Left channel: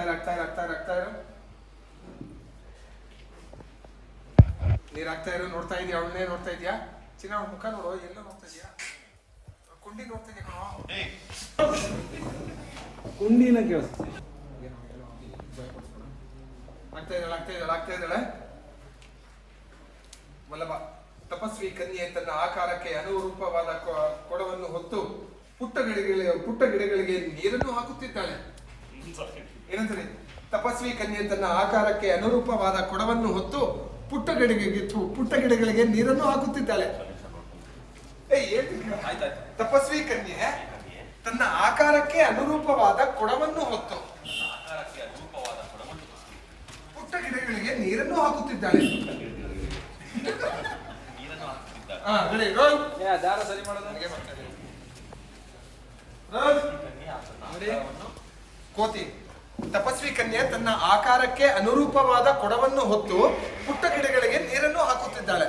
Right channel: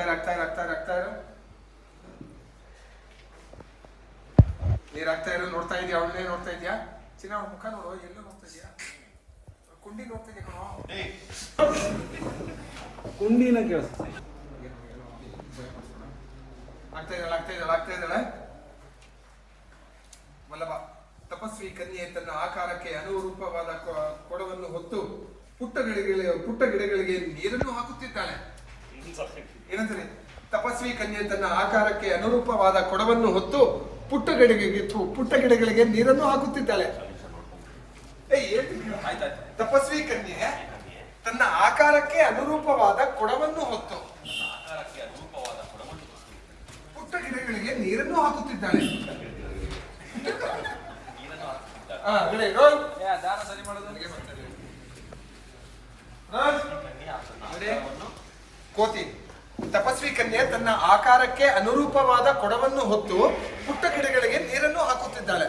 ಇರು. ನೀರ್ ಆಗ್ತಾ ಇರೋ ನೋಡ್ತಾ ಇದೀಯ, ಅವಳನ್ನೇ ನೋಡ್ತಾ ಇದೀಯಾ? ಚಿನ್ನ ಮುಖ ನೋಡು, ಎಲ್ಲ ನೋಡ್ತಾ ಇದೀಯಾ? ಕುಂಡಿ ನೋಡ್ತಾ ಇದೀಯ ಕುಂಡಿನ ಕೇಳಿಸ್ತಾ ಆಗ್ತಾ ಇದ್ದಾಳೆ. ವಲ್ಲಭ ತಪಸ್ವಿ ಕನ್ಯೆ ತನ್ನ ಆಕಾರಕ್ಕೆ ಅನುರೂಪವಾದ ಕೊಡವನ್ನು ಹೊತ್ತು ಪುಟ್ಟ ಗಿಡಗಳಿಗೆ ನೀರನ್ನು ಹಾಕುತ್ತಿದ್ದಾಳೆ. ಏನಂತಾರೆ? ತಪಸ್ವಿ ಕನ್ಯೆ ತನ್ನ ಆಕಾರಕ್ಕೆ ಅನುರೂಪವಾದ ಕೊಡವನ್ನು ಹೊತ್ತು ಪುಟ್ಟ ಗಿಡಗಳಿಗೆ ನೀರನ್ನು ಹಾಕುತ್ತಿದ್ದಾಳೆ. ತಪಸ್ವಿ ಕನ್ಯೆ ತನ್ನ ಆಕಾರಕ್ಕೆ ಅನುರೂಪವಾದ ಕೊಡವನ್ನು ಹೊತ್ತು ಪುಟ್ಟ ಗಿಡಗಳಿಗೆ ನೀರನ್ನು ಹಾಕುತ್ತಿದ್ದಾಳೆ. ಕೋತಿ ತಪಸ್ವಿ ಕನ್ಯೆ ತನ್ನ ಆಕಾರಕ್ಕೆ ಅನುರೂಪವಾದ ಕೊಡವನ್ನು ಹೊತ್ತು ಪುಟ್ಟ ಗಿಡಗಳಿಗೆ ನೀರನ್ನು ಹಾಕುತ್ತಿದ್ದಾಳೆ.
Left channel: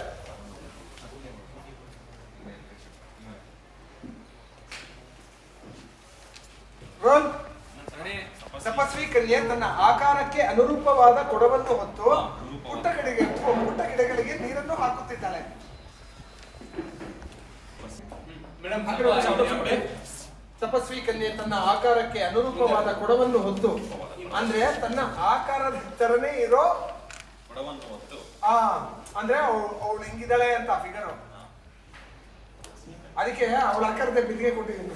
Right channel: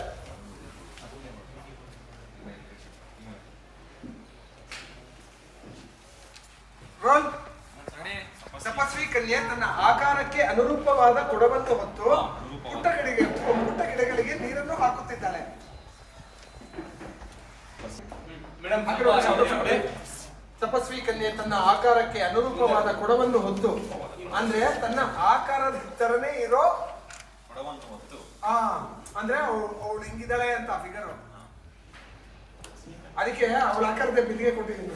ತಪಸ್ವಿ ಕನ್ಯೆ ತನ್ನ ಆಕಾರಕ್ಕೆ ಅನುರೂಪವಾದ ಕೊಡವನ್ನು ಹೊತ್ತು ಪುಟ್ಟ ಗಿಡಗಳಿಗೆ ನೀರನ್ನು ಹಾಕುತ್ತಿದ್ದಾಳೆ. ತಪಸ್ವಿ ಕನ್ಯೆ ತನ್ನ ಆಕಾರಕ್ಕೆ ಅನುರೂಪವಾದ ಕೊಡವನ್ನು ಹೊತ್ತು, ಅಂದ್ರೆ ತನ್ನ ಆಕಾರದ ತರನೇ ಇರೋ ಕೊಡವನ್ನು ಹೊತ್ತು, ಅಂದ್ರೆ ಅವಳು ಹೆಂಗಿದ್ದಾಳೆ ಅಂತ ಫಿಗರ್, ಅದಕ್ಕೆ ಅವಳ ಆಕಾರದ ಬಿಲ್ಲಿಗೆ ಕೊಟ್ಟಿದ್ದೀನಿ.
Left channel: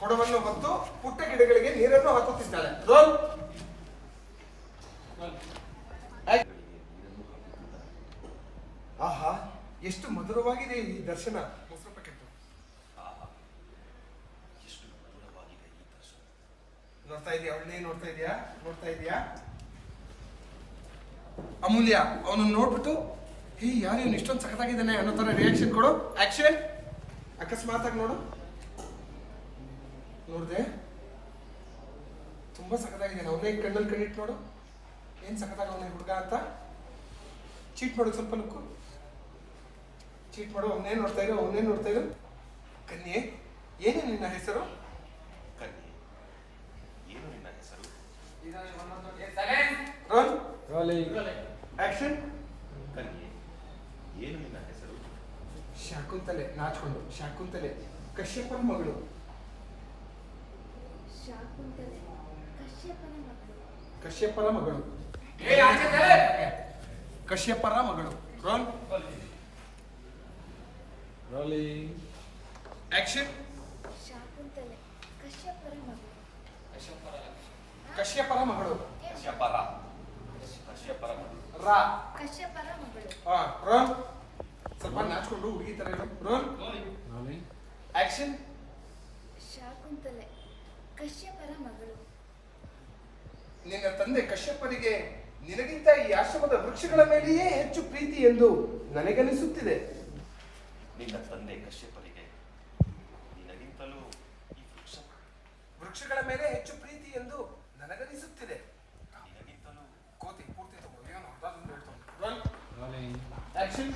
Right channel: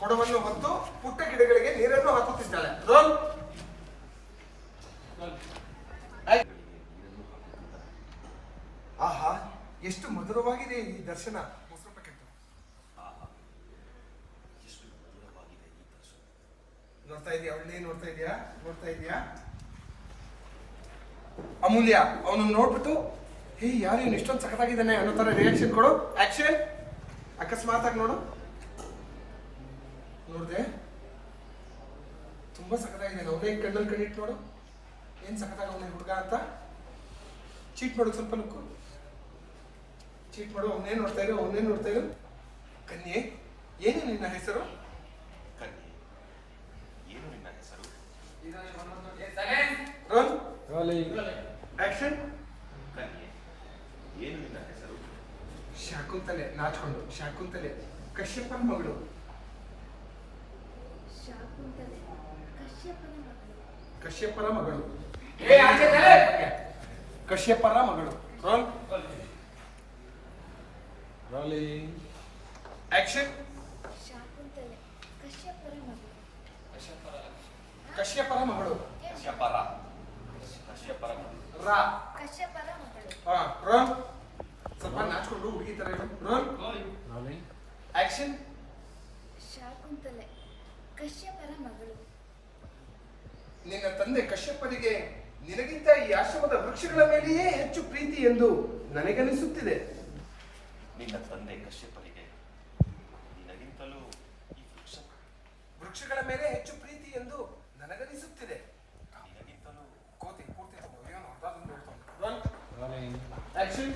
ಕೊಡವನ್ನು ಹೊತ್ತು ಪುಟ್ಟ ಗಿಡಗಳಿಗೆ ನೀರನ್ನು ಹಾಕುತ್ತಿದ್ದಾಳೆ. ಆಹಾ, ಎಷ್ಟು ಮಧುರವಾಗಿದೆ ಈ ದರ್ಶನ. ನೋಡ್ತಾ ಇದೆಯಾ? ಅಮೂಲ್ಯ ಅವನು ನೋಡ್ಬಿಟ್ಟು, ಹೇ ಯಾರು ಇವನು ಇಷ್ಟೊಂದು ಸಖತ್ತಾಗಿದ್ದಾನೆ ಅನ್ನೋ ತರ ರಿಯಾಕ್ಷನ್ ಕೊಡು. ಆಕ್ಷನ್. ಅಕಸ್ಮಾತ್ ಆಗಿ ನೋಡು. ನೋಡ್ದೆ, ತುಂಬಾ ಸಖತ್ತಾಗಿದೆ. ಅವನೇ ಕಣ್ಣಲ್ಲಿ ಕಣ್ಣಿಟ್ಟು ನೋಡು, ಏನ್ ಸಖತ್ತಾಗ ಅವನ ಹುಡುಗ ಅಂತ. ಚೀಟ್ ಮಾಡು, ಸ್ವಲ್ಪ ಲುಕ್ಕು ಚೀಟ್ ಮಾಡು. ಅವನೇ ನೋಡ್ತಾ ಇರು. ಕನ್ಯೆ, ಏನು ನಿನ್ನ ಹೆಸರು? ಆಕ್ಷನ್. ಶಾಕುಂತಲೆ ನಾಚ್ಕೊಂಡು. ಶಾಕುಂತಲೆ ಕಶ್ಯಪನ ಮಗಳು. ಕಶ್ಯಪರ ಮಗಳು. ಆಕ್ಷನ್. ಕಶ್ಯಪರ ಮಗಳು. ಸ್ವಲ್ಪ ನಾಚ್ಕೊಂಡು ಹುಡುಗಿ ತರ. ಆಕ್ಷನ್. ಶಾಕುಂತಲೆ ಕಶ್ಯಪರ ಮಗಳು. ನಿನ್ನ ತಂದೆ ಕಶ್ಯಪನಿಗೆ ನಿನಗಿಂತ ಈ ಆಶ್ರಮದ ವೃಕ್ಷಗಳ ಮೇಲೆಯೇ ಹೆಚ್ಚು ಪ್ರೀತಿ ಎಂದು ನನಗನಿಸುತ್ತಿದೆ. ನಿನ್ನ ತಂದೆ ಕಶ್ಯಪನಿಗೆ ನಿನಗಿಂತಲೂ ಈ ವೃಕ್ಷಗಳ ಮೇಲೆ ಹೆಚ್ಚು ಪ್ರೀತಿ ಎಂದು ನನಗನಿಸುತ್ತಿದೆ. ನಿನಗಿಂತಲೂ ಕೋತಿ ಪೂರ್ತಿ ಆಕ್ಷನ್.